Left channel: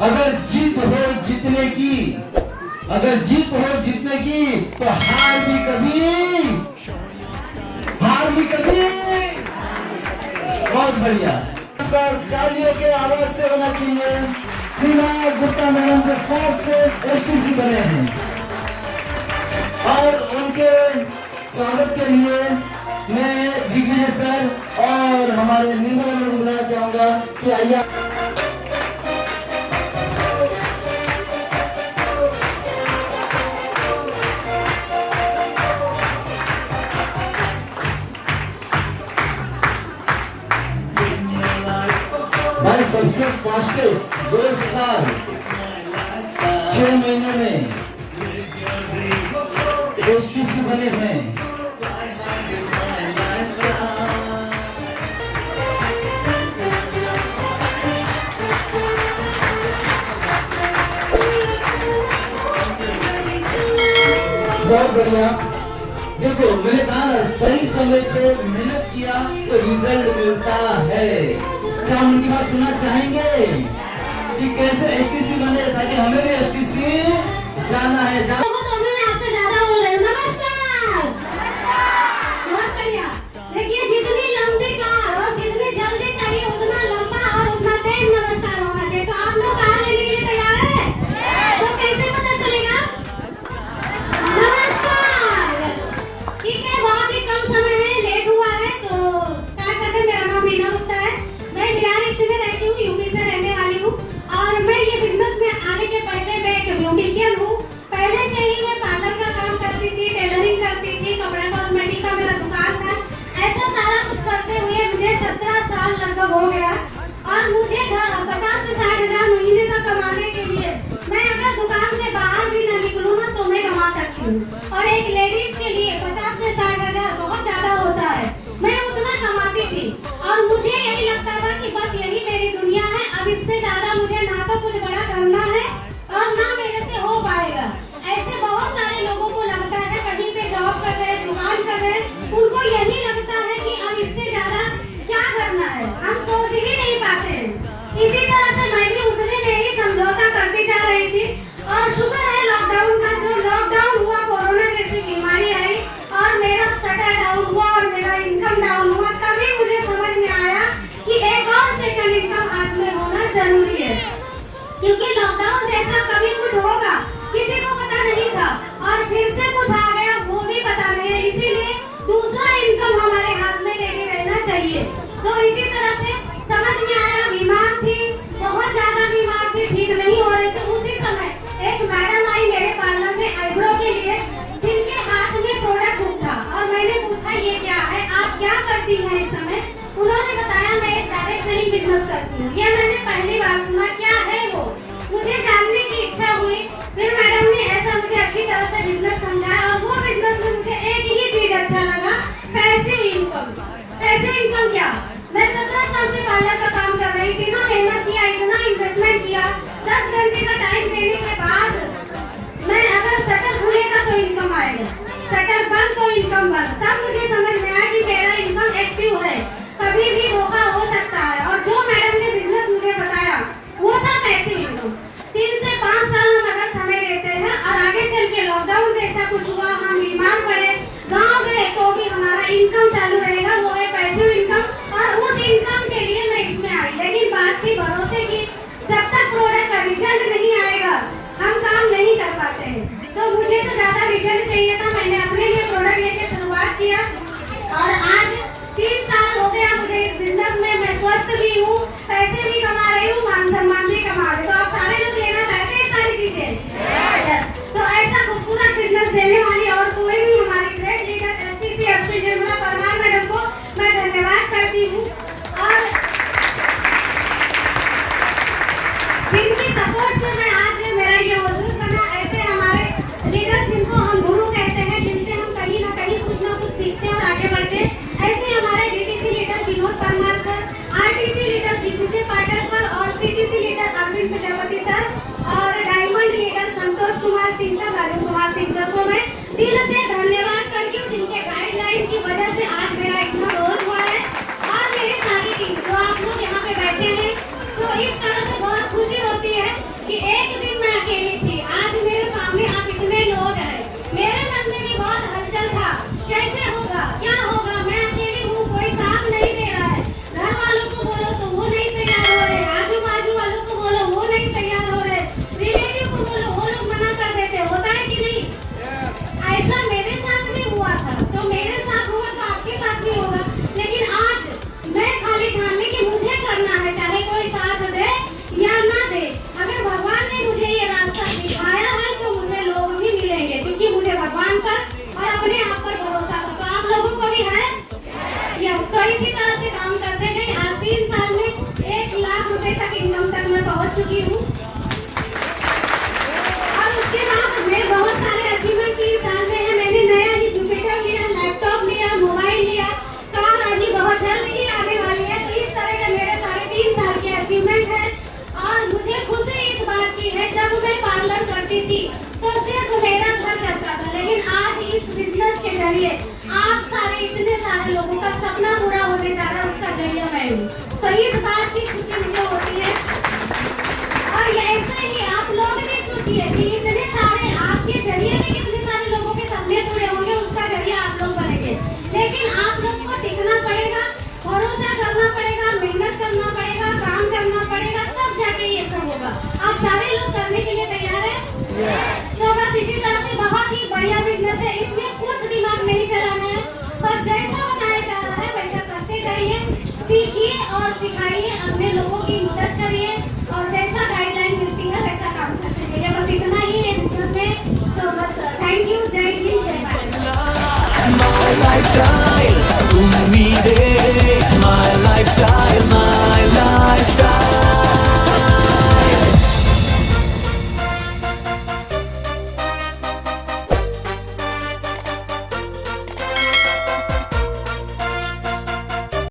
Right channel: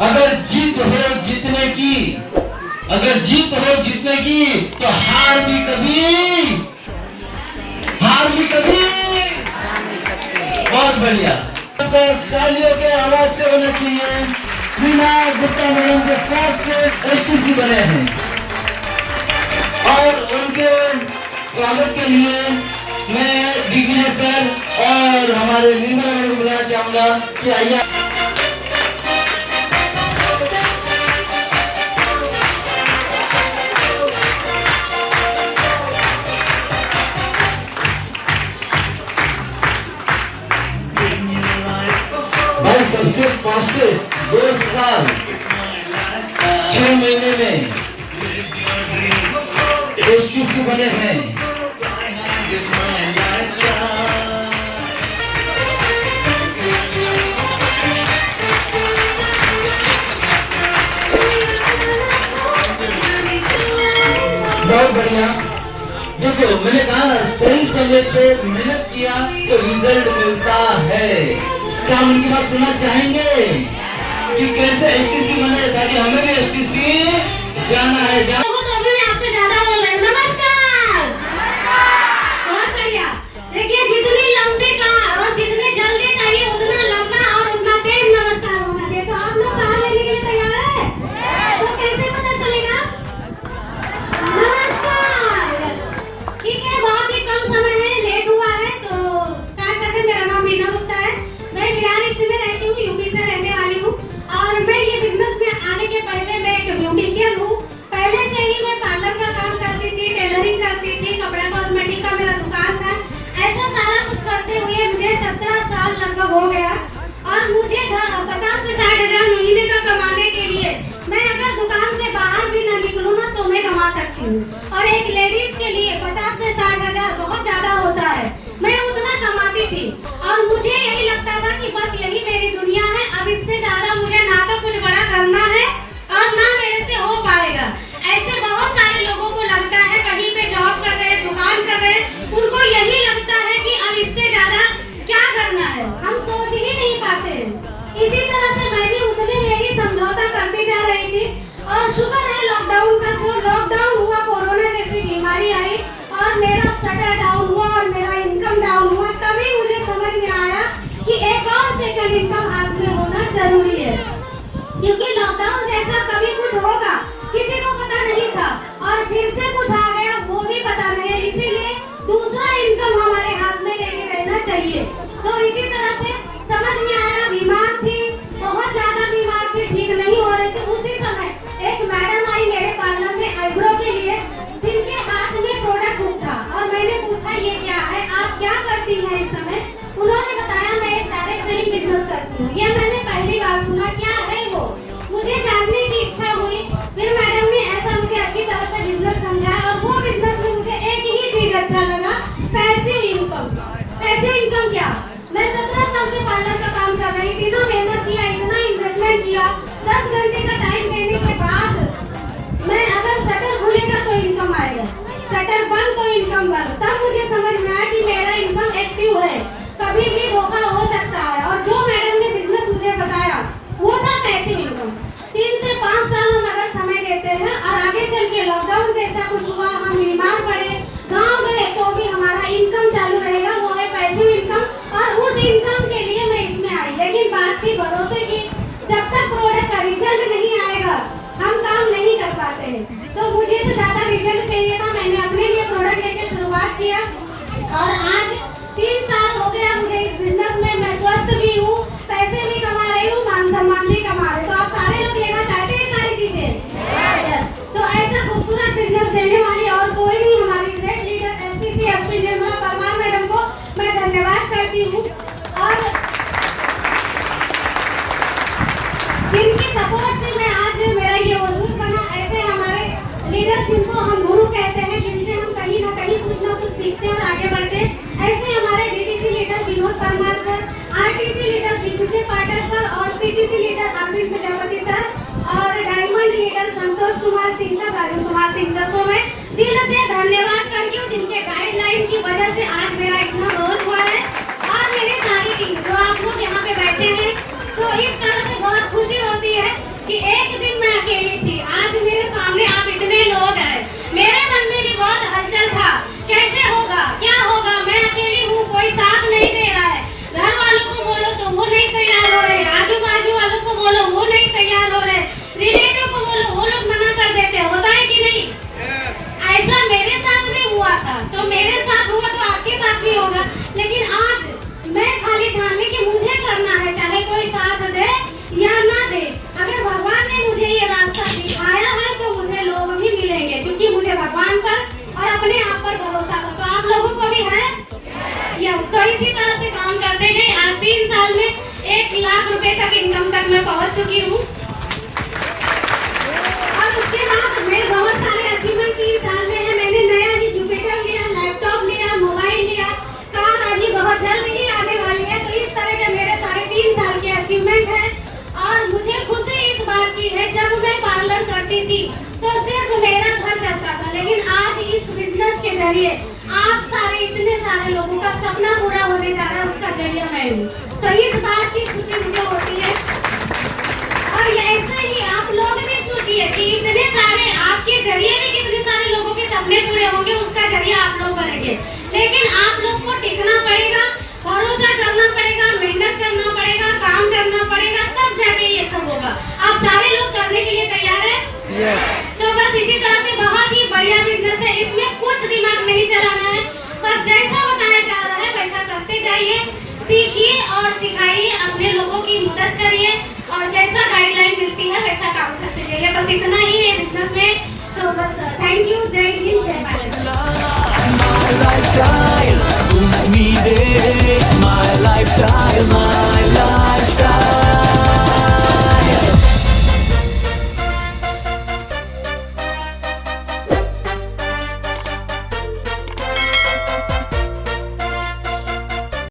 अगर जीत हो जीतने की, अगर जीत हो जीतने की, तो हार भी कभी, हार भी कभी। बहुत बढ़िया, तो तालियों के आवाज से होना चाहिए। मीना गुप्ता मैडम जो फर्स्ट एसटीसी बने हैं, और उनके स्वागत के लिए मैं दिग्विजय सर और हमारे निर्मला मैडम को बुलाना चाहूंगा कि आइए। भाई सबसे फास्टेस्ट 2 साल 6 महीने में एसटीसी बने हैं। बहुत बढ़िया। देखो मैंने कहा ना, सही समय पे मेहनत किया तो रिजल्ट मिलता है। क्या हम उनकी बात सुनना चाहेंगे कि कैसे एसटीसी बने, ताकि हमें भी एसटीसी जाना है। पहले से ही मैं पार्लर का काम करती थी, टेलरिंग करती थी, कपड़ा कॉस्मेटिक का मेरा दुकान था। ऐसा सारा कुछ करते हुए मुझे 17 साल लगभग हो गया, और मुझे 50 से 60 हजार महीने का कमाने के लिए मैं अगर दुकान से बाहर भी ना निकलूं ना तो मैं कमा सकती हूँ। और एक लेडीज के लिए 50 से 60 हजार बहुत ज्यादा होता है। मैं उतना कमाती थी और मुझे यही लगता था कि बस यही मेरी दुनिया है, अब इससे ज्यादा मुझे ना तो कुछ बड़ा करना है और ना मेरे से हो पाएगा। ऐसे बहुत सारे लोगों को लगता है, कहीं पे जॉब कर रहे हैं, दुकान कर रहे हैं, उनको यही लगता है कि अब इससे ज्यादा क्या करना है, हम सोच ही नहीं पाते हैं। इसी तरह से मैं भी उतने में ही समझौता करती जा रही थी, और शुक्र है लॉकडाउन का, जो लॉकडाउन हुआ, कोरोना जैसी बीमारी आई और मेरा शटर डाउन हुआ और मेरा इनकम डाउन हुआ, तभी मुझे समझ में आया कि एक और सेकंड इनकम हाथ में होना जरूरी है, क्योंकि लॉकडाउन जैसा कभी कुछ होगा किसी को पता नहीं था, और फिर से कुछ आ गया वो भी पता नहीं है। इसीलिए दूसरा इनकम हमारे हाथ में लेके रहना चाहिए। तो इसी तरह से समझ में आया, बीमार थी, बहुत ज्यादा बीमार थी, ठीक नहीं हो रही थी। उसी समय एक मैडम आई मेरे पार्लर में आईब्रो के लिए, जिनके हाथ में प्रोडक्ट था, और मैंने पूछा ये क्या है, आप क्या करती हैं इस समय? उन्होंने बताया मैं एक डायरेक्ट सेलिंग बिजनेस करती हूँ। ये मैंने पहली बार सुना, क्या है वो, मुझे जानने की इच्छा हुई। फिर मैडम ने ऐसा मुझे अच्छी तरह से बिजनेस समझाया, और वो बिजनेस में मुझे एक ही चीज अच्छा लगा, पैसिव इनकम। पैसिव इनकम क्या? मैं 17 साल से पार्लर का काम कर रही थी ना, मेहनत किया, इतना इन्वेस्टमेंट किया, 10 घंटे का टाइम देने के बाद मैं अगर शटर खुलेगा तो इनकम आएगा, शटर बंद तो इनकम बंद। तब मुझे समझ में आया कि मेरा इनकम एक्टिव है, कभी भी धोखा हो सकता है। और जो मैडम ने बिजनेस मुझे बताया वो था पैसिव इनकम। 3 से 5 साल हम अगर समय देते हैं, और आगे चल के लॉकडाउन जैसा कुछ हुआ, हम बीमार पड़े, गाँव गए, तो भी हमारा इनकम चालू रहेगा, वो है पैसिव इनकम। और उस इनकम के लिए मैं इसमें आई, लेकिन बात थी भरोसे की। जब तक प्रोडक्ट का रिजल्ट नहीं आएगा हम काम नहीं कर पाते हैं। तो मुझे तो ज्यादा रिजल्ट चाहिए था, मैंने अपने लिए प्रोडक्ट लेकर शुरुआत किया। तो इसी तरह से काम करते गए आज 3 साल में 1 लाख रुपए तक इनकम तक मैं पहुंच चुकी हूँ। और उसके बाद मैं बहुत सारे अचीवमेंट 3 साल में है। मैंने नया ही जुपिटर लिया, लैपटॉप लिया, मोबाइल लिया, कार अभी बहुत जल्द ही आने वाली है। तो इस तरह के मेरे सारे 3 साल के अचीवमेंट है। और मुझे खुशी इस बात की है, जब मैं पार्लर करती थी तो सिर्फ मेरा घर चलता था, लेकिन आज इस बिजनेस के जरिए आप सारे इतने सारे लोगों का सपना पूरा होने जा रहा है, उसका जरिया मैं हूँ। तो इस बात की खुशी मुझे होती है। और ऐसे ही आप लोग भी सोचिए कि इतने सारे आपके जरिए में कितने सारे लोगों के सपने पूरे होंगे, उसका जरिया आप लोग बनेंगे। लेकिन आप लोग को टिकना पड़ेगा, भरोसा करना पड़ेगा, मेहनत करना पड़ेगा, काम करना पड़ेगा, तब जाके ये सब होगा। आप सारे लोग करने के लिए तैयार हैं? तो बस इसी तरह से बहुत ही बढ़िया बिजनेस है, इसमें कुछ दिमाग नहीं चलाना है, बस जैसा बताया जा रहा है वैसा करते जाइए, सीखिए और सिखाइए, अपने लोगों की मदद करिए और जैसा गाइडलाइन मिलती है वैसा काम करते जाइए। बस इतना ही है बिजनेस में। तो बस थैंक यू, जय हिंद, जय Bharat. My lifestyle, tu mi